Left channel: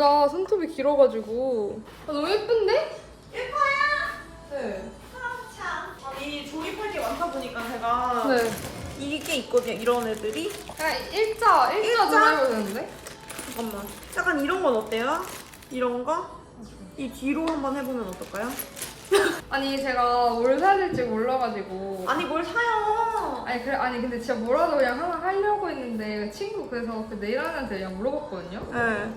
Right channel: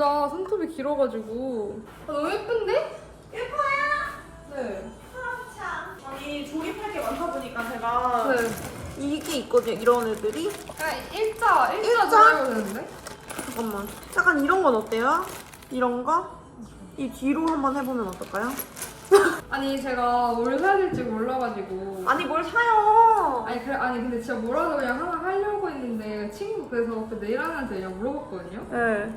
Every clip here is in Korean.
다 손톱이 길어가지고 아, 너무 예쁜데? 예뻐요. 네. 참. 아니 조립할 게 많다 보니까 제가 네. 이게 있거든요. 이런 애들이. 그냥 일자, 일자 일자? 드라이버 되는데? 잠깐만. 약간 이런 건 어때요? 이런 거? 이 뒤로 한번 해보면 어떨까요? 아니 제가 뭘 사야 될지 몰라가지고 아니 뭘 사요? 아니 그래 아니 근데 진짜 뭐라도 그냥 하나 하려고 했는데 친구 그래서 그 내일한테 그냥 물어봤거든요. 네.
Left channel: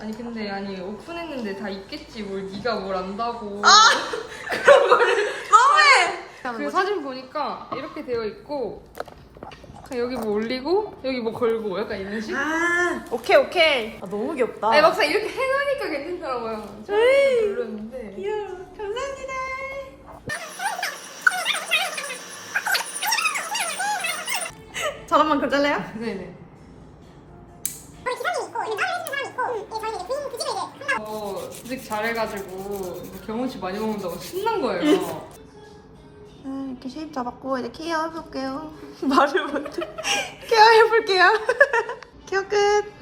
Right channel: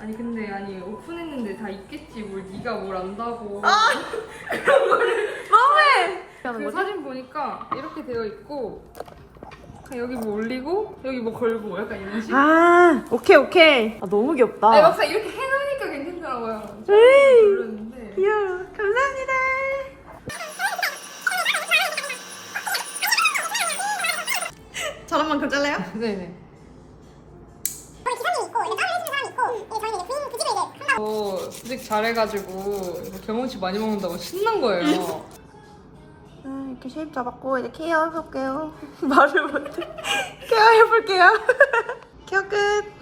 아니 근데 아니 오픈했는데 다 있겠지 뭘 네가 뭘 안다고. 너무해! 하는 그 거지? 사진 보니까 이렇게 되어 있고 그냥 여기 뭐 올리고 여기 뭐 걸고 약간 이런 식. 아 오케이 오케이. 아, 너무 귀엽다. 아니 막상 이렇게 해놓으니까 괜찮더라고요. 음. 몰랐는데. 귀여워. 감사합니다. 저런 만큼 잘래요? 네네. 우리 기사님이 있고 이제 다른 해주는 사람이 있고 이제 저희는 이제 부인 그 집에 이제 한다고 저 수직 잘해가지고 경험치 많이 먹는다고 신난 거예요. 아, 이렇게 쉐입 잡았고 이제 케어 해볼게요. 말을 못해. 케어 해볼게요. 케어 끝.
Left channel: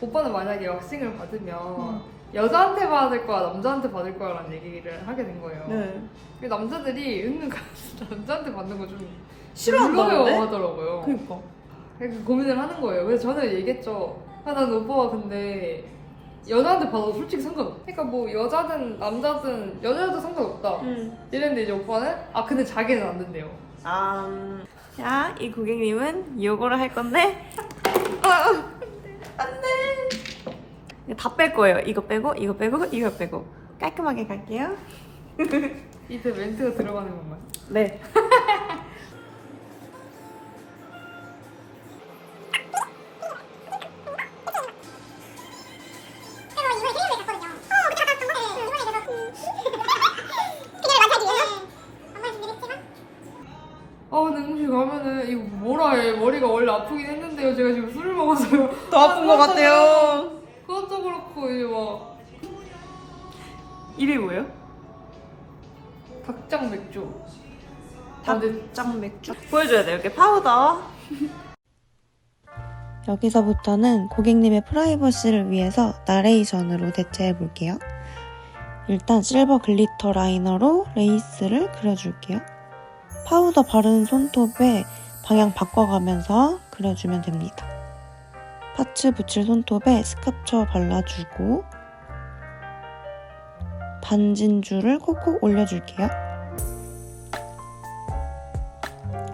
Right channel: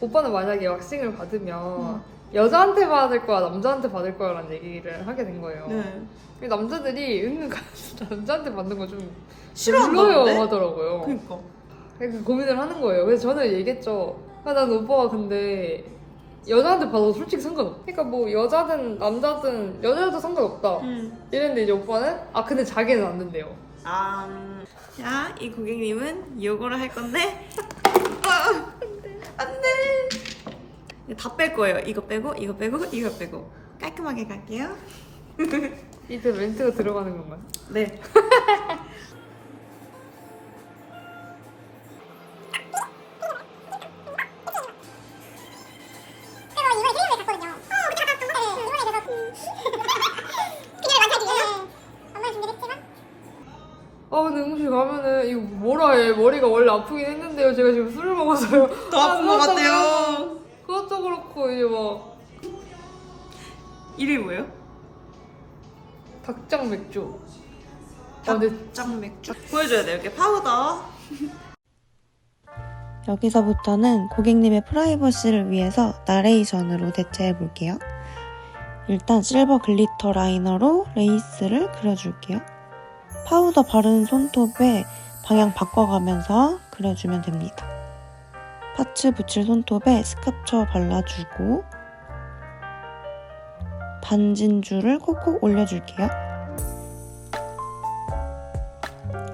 오빠는 만약에 왁싱을 받으면 음. 여자한테 받을 거야 남자한테 받을 거야라는 얘기를 하게 된 거예요. 네. 근데 남자들이 은근 남자한테 받는 거 좀 싫어한다는데? 하더라고요. 그니까. 그래서 고민을 하는 거예요. 그래서 저는 얘기했죠. 야, 난 오빠가 근데 여자한테 받아도 솔직히 상관없. 그러니까 뭐 여자든 남자든 여자여도 상관없다. 응. 이랬는데 이제 오빠는 아 근데 자기는 안 된대요. 아, 음. 자, 이 고객님은 이거를 할 건데. 아, 안 돼. 다 뺄 거예요. 이거 빼고, 이거 빼고, 이거 빼고. 깔끔하게 갈게요. 이때 멘트가 들어가는 건가요? 네. 더 아픈 것 같아요. 그것도 그렇고 이제 막 이름이 뭐예요? 닭장 맥주 아 근데 닭장 맥주. 보여줘야 돼. 이렇게 파우더. 여기서부터는 고객님의 프라이버시를 위해서 나레이션으로 대체해 볼게요. 일단 실버 글리터 라이너로 레이스를 그려줄게요. 파우더 바른 손톱에 방향 바꿔가면서 그려주면 됩니다. 파츠 붙일 손톱에 스카프처 발라주고 반진줄을 콕콕 올려줄게요.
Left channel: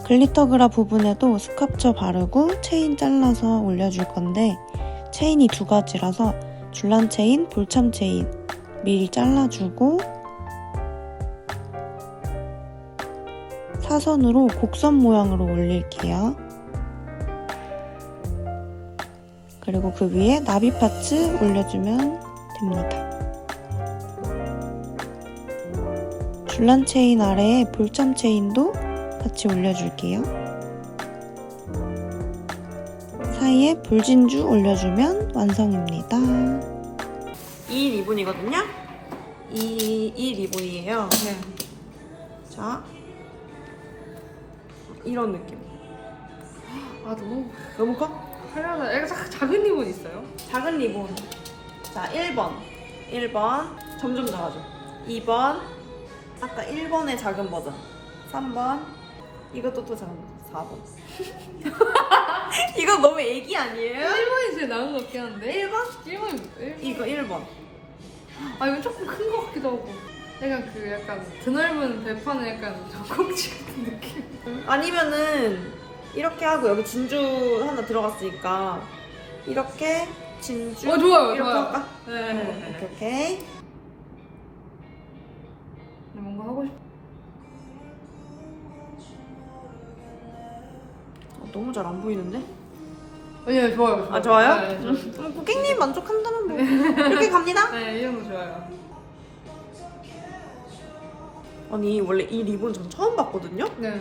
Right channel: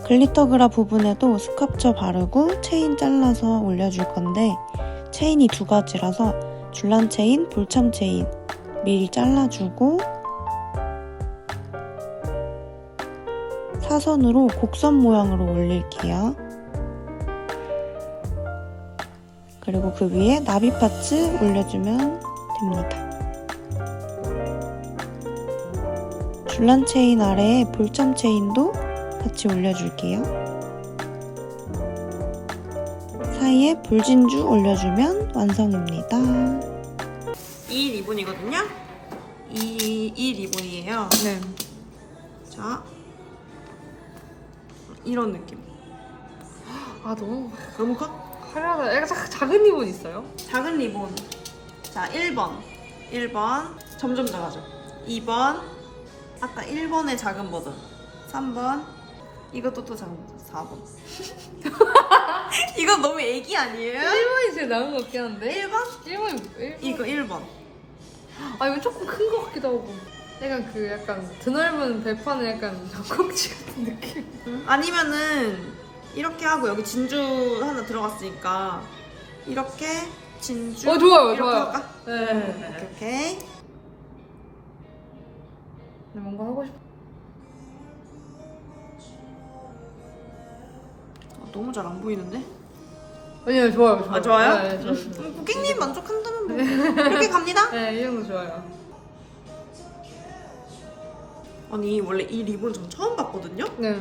글리터 그라 부분에도 스카프처 바르고 체인 잘라서 올려줄 건데 체인이 두 가지라서 줄란 체인, 볼참 체인 미리 잘라주고 사선으로 곡선 모양으로 올릴게요. 그리고 그 위에 나비 파츠 올려주면 됩니다. 줄란 체인 아래에 볼참 체인도 같이 올려줄게요. 사이에 볼진주 올려주면 완성입니다. 이 리본이거든요. 이, 이 리본이에요. 네. 자. 이런 느낌. 아 너무 너무 커? 화려하다 약간 작- 작은 리본 있어요? 작은 리본. 자, 1번. 1번. 점점 작아져. 2번. 아까 1번의 작은 버전. 3번. 이것도 또 작은 버전. 4번. 이거 너무 애기 아니에요? 1번이 제일 나은 것 같긴 한데 1번? 1번이 뭐예요? 이거 1번. 아 이거 조금 큰 것 같기도 하고 약간 그 약간 드넓은 배판에 약간 젖꼭지 같은 느낌 아니면은 이렇게 하고 여기 진주 하나 들어갔으니까 이렇게 진주 어 좋아요 이렇게 좋아요 할까? 네. 오케이 오케이. 근데 뭔가 하고 싶어 어, 너무 잘 안 보이는데? 아니요 좋아요 좋아요 아 좋아요? 네, 좋아요. 음, 고객님 만족한다면 뭐 이렇게 갑니다. 네, 이 정도 좋아요. 아니 원래 이 리본 전 처음 봤거든요. 네.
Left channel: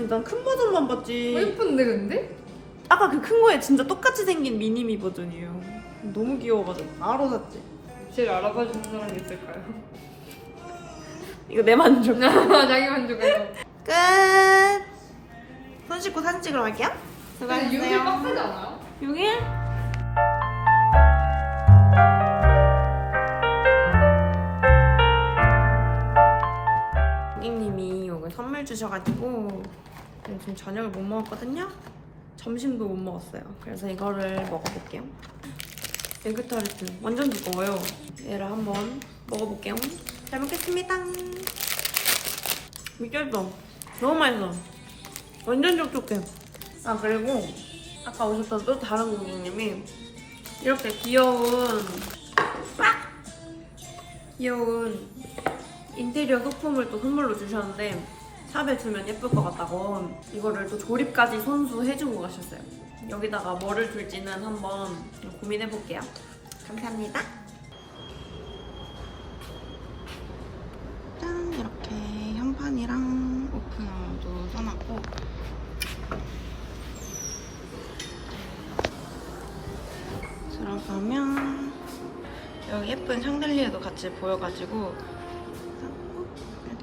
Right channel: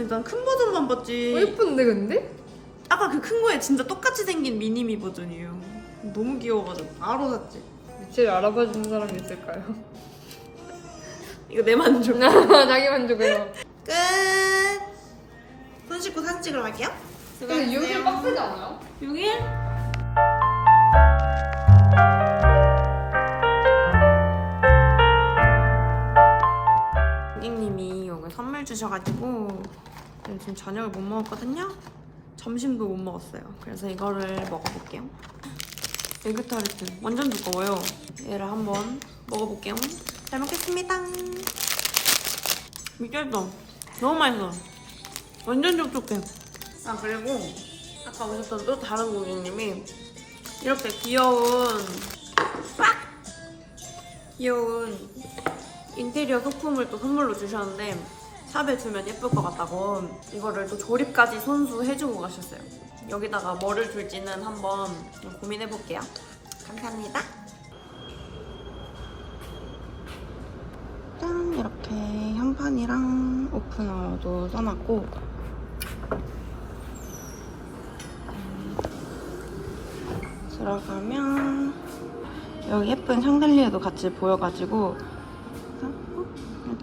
근데 난 큰 버전만 어, 봤지. 예쁜데 근데? 아까 그 큰 거에 진짜 똑같이 생긴 미니미 버전이에요. 너무 귀여워가지고 바로 샀지. 제일 알아봐 주는 사람이 있을까요? 이거 내 만족. 자기 만족을. 끝. 손손 씻고 사진 찍으러 갈게요. 근데 6일 빡세지 않아요? 6일? 고객님이 오늘 선물 주셔가지고 지금 저녁을 못 먹었거든요. 점심도 못 먹었어요. 그래서 이거를 먹어볼게요. 에그타르트 완전 두꺼워요. 얘를 한번 먹어볼게요. 잘 먹겠습니다. 미쳤어. 너무 맛있어. 완전 촉촉해. 아 그리고 아까 오셨던 또 다른 고객님이 이렇게 귀여운 빡! 귀여운 인테리어 소품을 또 선물로 주셨는데 샵에 주면 예쁠 것 같다고 이거를 또 조립까지 손수 해주고 가셨어요. 여기다가 뭐를 둘지는 한번 고민해 볼게요. 감사합니다. 짠 이렇게 현판이랑 오프너도 써놨고 들어가면 여기 예쁜 샹들리에도 같이 보여가지고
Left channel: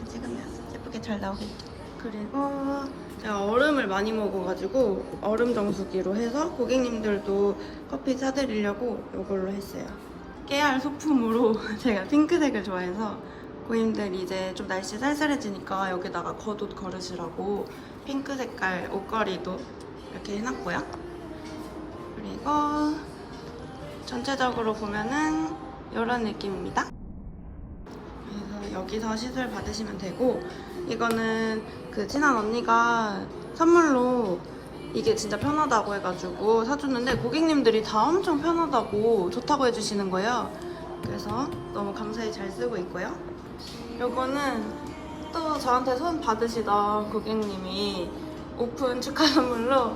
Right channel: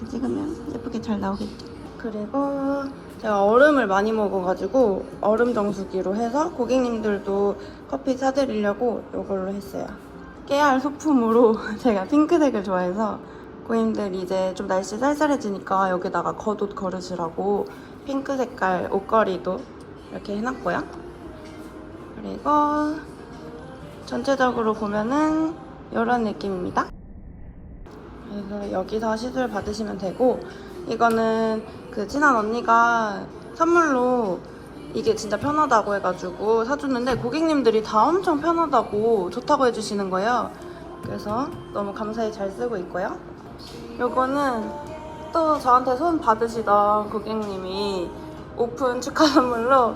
찍으면 예쁘게 잘 나오겠죠. 그리고 제가 얼음을 많이 먹어가지고 얼음 정수기로 해서 고객님들도 커피 사드리려고 이걸로 했어요. 깨알 소품으로 제가 핑크색을 좋아해서 고객님들 이제 좀 날씨 쌀쌀해지니까 여기다가 겉옷 걸으시라고 핑크 색깔 옷걸이도 이렇게 해놨고요. 그리고 전체적으로 보면은 이런 느낌입니다. 그래서 여기서 시술 받으시면 되고 이거는 그 친한 언니가 선물로 이게 진짜 편하다고 해가지고 사줬는데 고객님들이 다 엄청 편하다고 좋다고 해주시는 거예요. 그래서 너무 감사히 잘 쓰고 있고요. 요거는 또 저한테 손 받으시던 고객님이 오픈 축하 선물로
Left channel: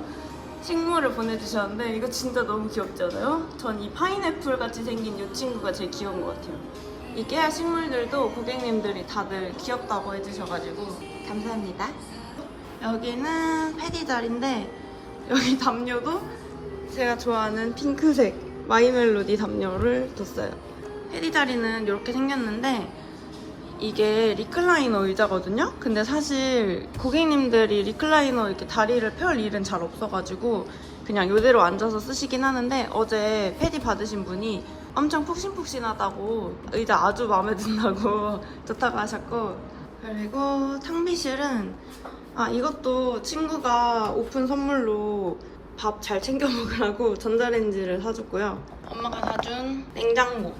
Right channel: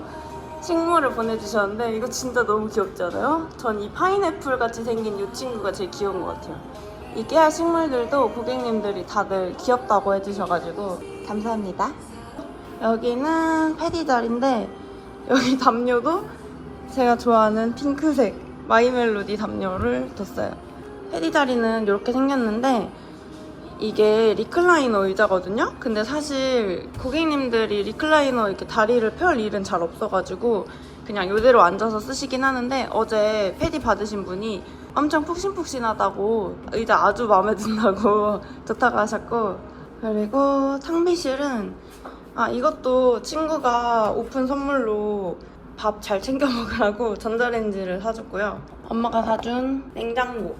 식물을 보내주셨는데 이거 진짜 너무 귀엽지 않아요? 전 이 파인애플 같이 생긴 이 친구가 제일 귀여운 것 같아요. 이 깨알 식물들도 고객님들이 다들 귀엽다고 해주셔가지고 감사합니다. 여기는 패디 자리인데 여기 담요도 제가 좋아하는 핑크색 마이멜로디 담요를 뒀어요. 패디 자리는 이렇게 생겼는데 이게 리클라이너 의자거든요? 근데 사실 고객님들이 리클라이너 이렇게 다리를 펼 일은 잘 없어가지고 그냥 이대로 앉아서 쓰시긴 하는데 어제 패디 받으신 분이 엄청 푹신푹신하다고 의자 아주 마음에 든다고 좋다고 하셨고 그리고 탕비실은 아 이것도 친구가 오픈 선물로 밥 잘 챙겨 먹으라고 전자레인지를 사줬고요 엄마가 사준 냉장고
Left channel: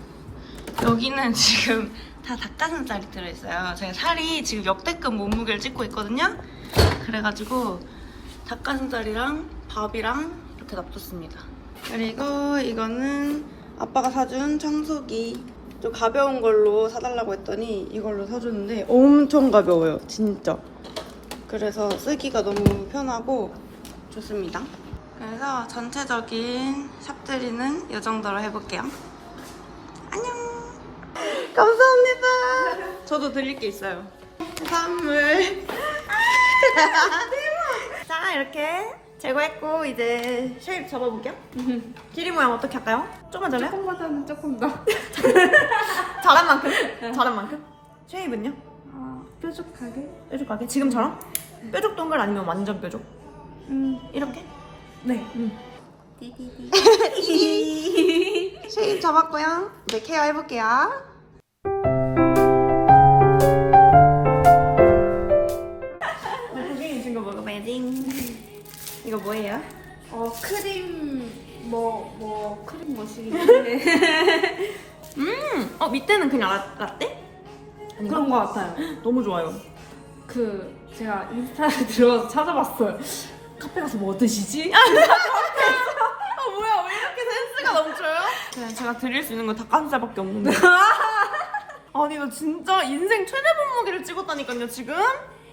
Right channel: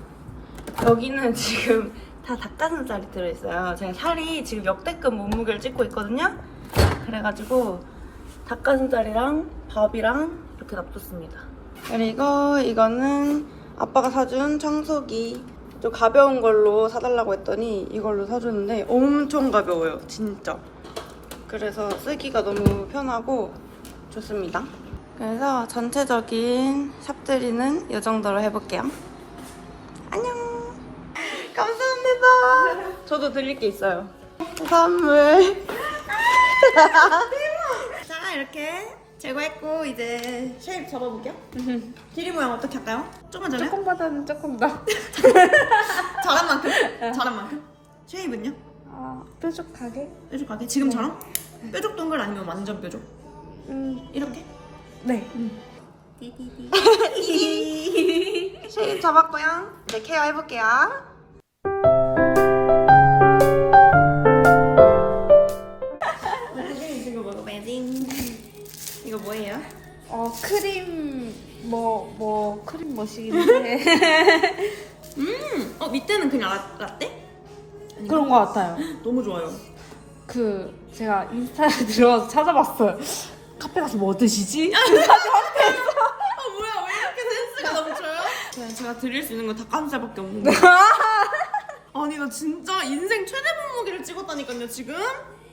여기는 지금 다 닭가슴살이 들어있어요. 제가 살이 지금 역대급 몸무게를 찍고 있거든요. 그래가지고 닭가슴살이랑 밥이랑 이렇게 놔뒀습니다. 그리고 이거는 아빠가 사준 청소기. 좀 가벼운 걸로 사달라고 했더니 이걸로 사줬는데 엄청 가벼워요. 진짜. 그래서 쓰기가 너무 편하고 좋습니다. 그래서 전체적인 샵들이는 이 정도로 해볼게요. 안녕! 감사합니다. 저도 드릴 게 있어요. 선물. 자, 이렇게 제거했고 이제 쉐입 잡아볼게요. 길이 모양 어떻게 할까요? 조금만 전에? 조금보다는 조금 더. 잘한 만큼? 잘한 만큼? 쉐입은요? 어, 뾰족하게? 뾰족하게? 지금처럼? 뾰족 동글 아니면 완전 뾰족? 음, 이렇게? 네. 쉐입 잡았고요. 이제 케어 해볼게요. 이거 뭐예요? 어, 크림, 뭐, 뭐, 크림 머신인데. 음, 어 밑에는 그냥 라, 라떼? 아닌가? 그런 거 같아요. 너무 좋아요. 그, 제가 인스타에 들어가서 찾아봤어요. 카페 가서 뭐 드시지? 아 뭐야 왜 이렇게 센스가 넘쳐요? 네, 제가 드릴 수 있는 건 닭가슴살밖에 없는데. 아니 나 진짜 인생 최대 몸무게를 찍었다니까요 지금?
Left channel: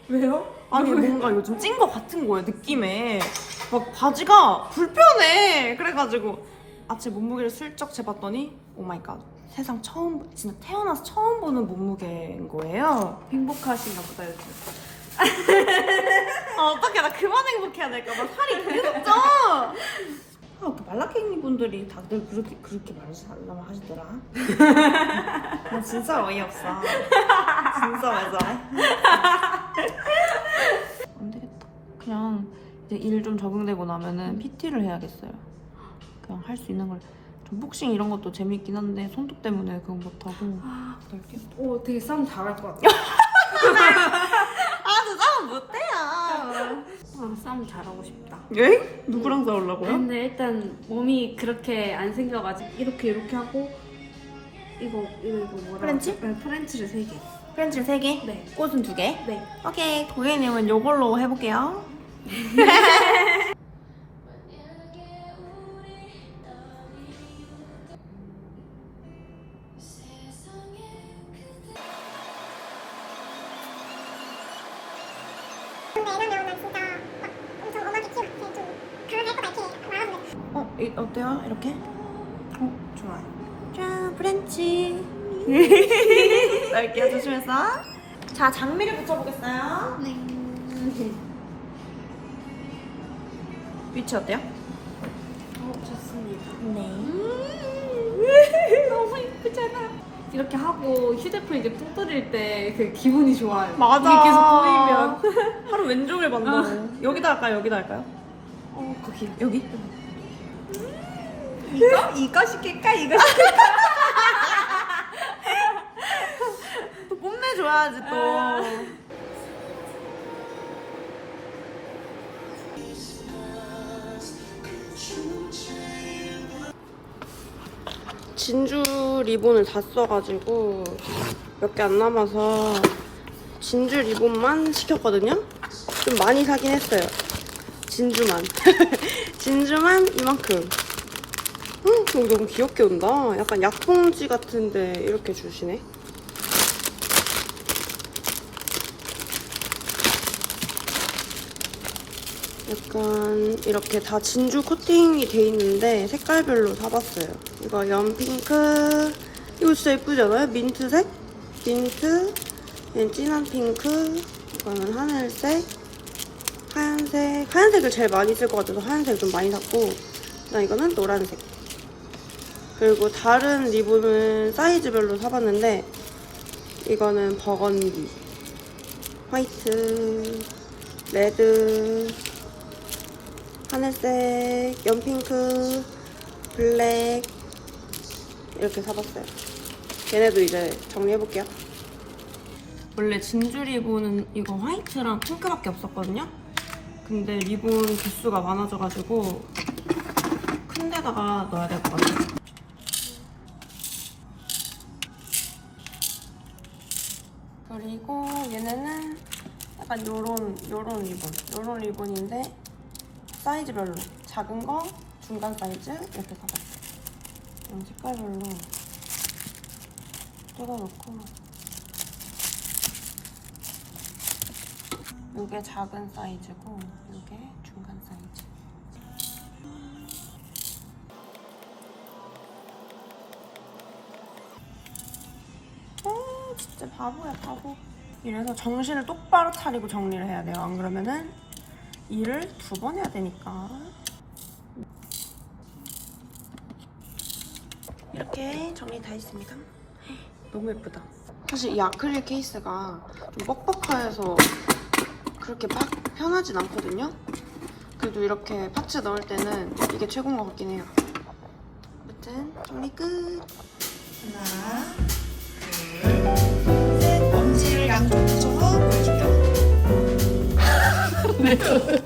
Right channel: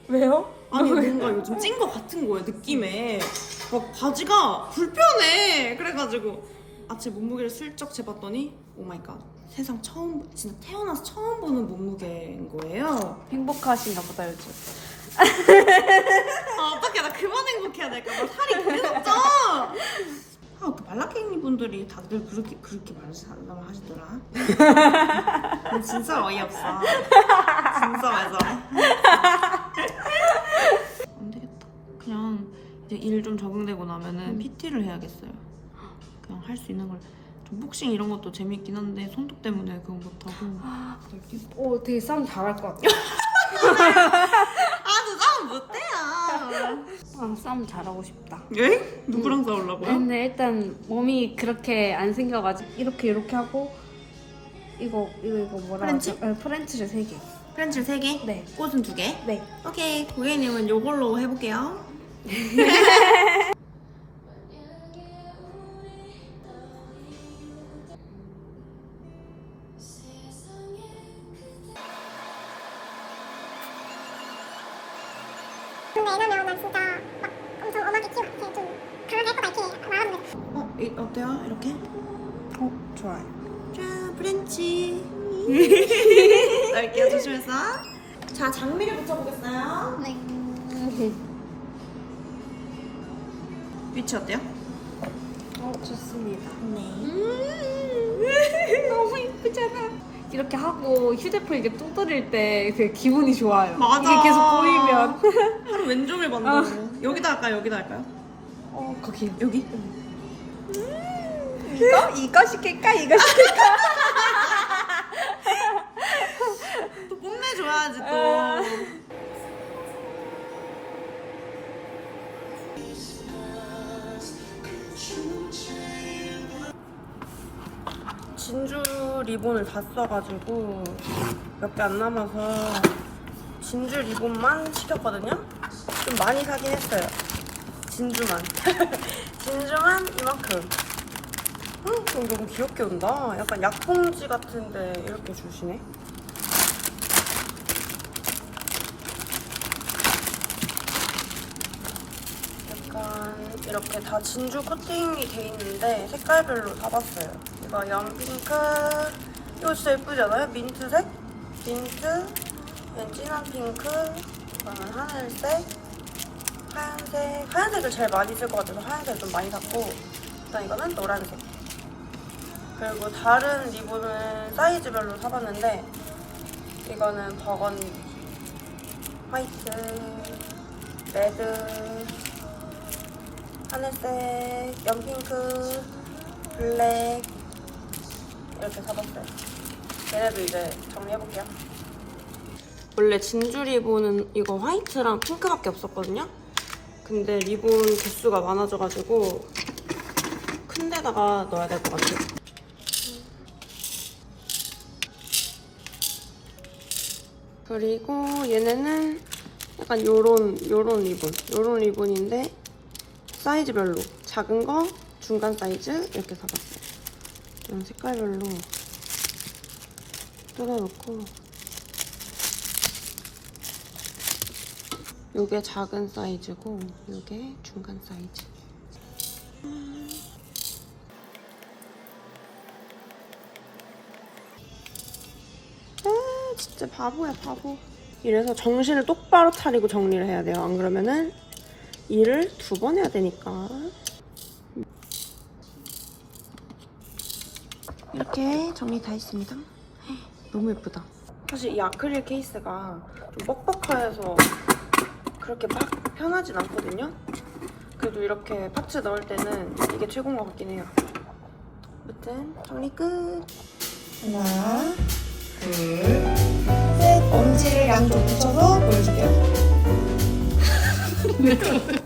왜요? 아니 뭔가 요즘 찐거 같은 거예요 느낌에 막 바지가 불편해 그래가지고 아제 몸무게를 슬쩍 재봤더니 오 마이 갓 세상 처음 진짜 태어나서 처음 보는 몸무게인 거예요 행복하신가 보다, 요즘. 아 어떡해 나 그만 행복해야 될까 봐 살이 되게 쪘죠 아, 그 말라깽이 분들이 다들 그렇게 그렇게 말하시더라 하시더라. 나 진짜 어이없어. 진짜 왜 저래? 안 되겠다. 그냥 이제 일 좀 적응되고 나면은 PT를 해야겠어요. 그냥 할 수 있는 걸. 좀 복싱 이런 것도 재밌긴 한데 손톱 때문에 그건 못하고. 오 되게 싸움 잘할 것 같아. 아, 저 싸움 못해요. 어, 싸움 잘하고 싶다. 예? 누구랑 싸우려고요? 근데 일단 몸이 그렇게 안 생겨가지고 이렇게 이렇게 하고 이거 이거 이거 뭐라 프렌치? 네, 프렌치를 세 개. 프렌치 3개? 네. 꽃은 2개? 네. 오케이. 고객님은 요걸로 해볼게요. 어, 이, 어때요? 이렇게? 어 좋아요. 짠, 프렌치. 넓게요, 조심해서. 자, 장미를 붙여보겠어요. 네. 위치 어때요? 어 좋습니다. 네. 너무 이쁘잖아. 이렇게 하고 휴대폰 이게 뚝 떨릴 때 그 기분이 좋아요. 맞아. 이게 계속 보이면. 하루 왼종일 반다고. 여기다 할까요? 여기다 할까요? 어 거기요. 여기? 이거 이거 시킬까 이거 시킬까? 또 뽐내줘야지 또. 진주 리본을 다 써가지고 몇 개 안 남아서 진주 리본만 시켰거든요. 좀 많이 사긴 했어요. 진주만. 진주만 이만큼. 음, 저 너무 귀엽게 온다. 약간 약품지 같은데 이렇게 주시네. 약간 이렇게 다 진주 코팅이 돼 있는데 색깔별로 사봤어요. 이거 연핑크. 이거 진짜 예쁘지 않아요? 민트색? 민트. 얘는 진한 핑크. 이거는 하늘색. 하얀색. 하얀색을 제일 많이 쓸 것 같아서 하얀색 좀 많이 샀고. 나 이거는 노란색. 그리고 다른 리본은 사이즈별로 사봤는데 이거는 버건디, 화이트, 레드, 하늘색, 연핑크, 블랙 이렇게 사봤어요. 얘네도 이제 정리해볼게요. 원래 진주 리본은 이거 화이트랑 핑크밖에 없었거든요. 근데 리본 개수가 많아져가지고 큰 데다가 넣어야 될 것 같아요. 그리고 얘네는 약간 요런 요런 리본 요런 리본인데 사이즈별로 작은 거 중간 사이즈 이렇게 사봤어요. 이런 색깔별로 뜯어놓고. 요게 작은 사이즈고 요게 중간 사이즈. 음 진짜 바보야 바보. 이래서 정신을 똑바로 차리고 정리를 해야 돼요. 안 그러면은 일을 두 번 해야 되니까. 이렇게 정리 다 했습니다. 너무 예쁘다. 사실 이 아크릴 케이스가 좀 뻑뻑해서 그렇게 막 편하진 않거든요. 그래도 이렇게 파츠 넣을 때는 이게 최고인 것 같긴 해요. 아무튼 정리 끝. 하나 둘셋. 엄지를 양쪽 붙여서 보여줄게요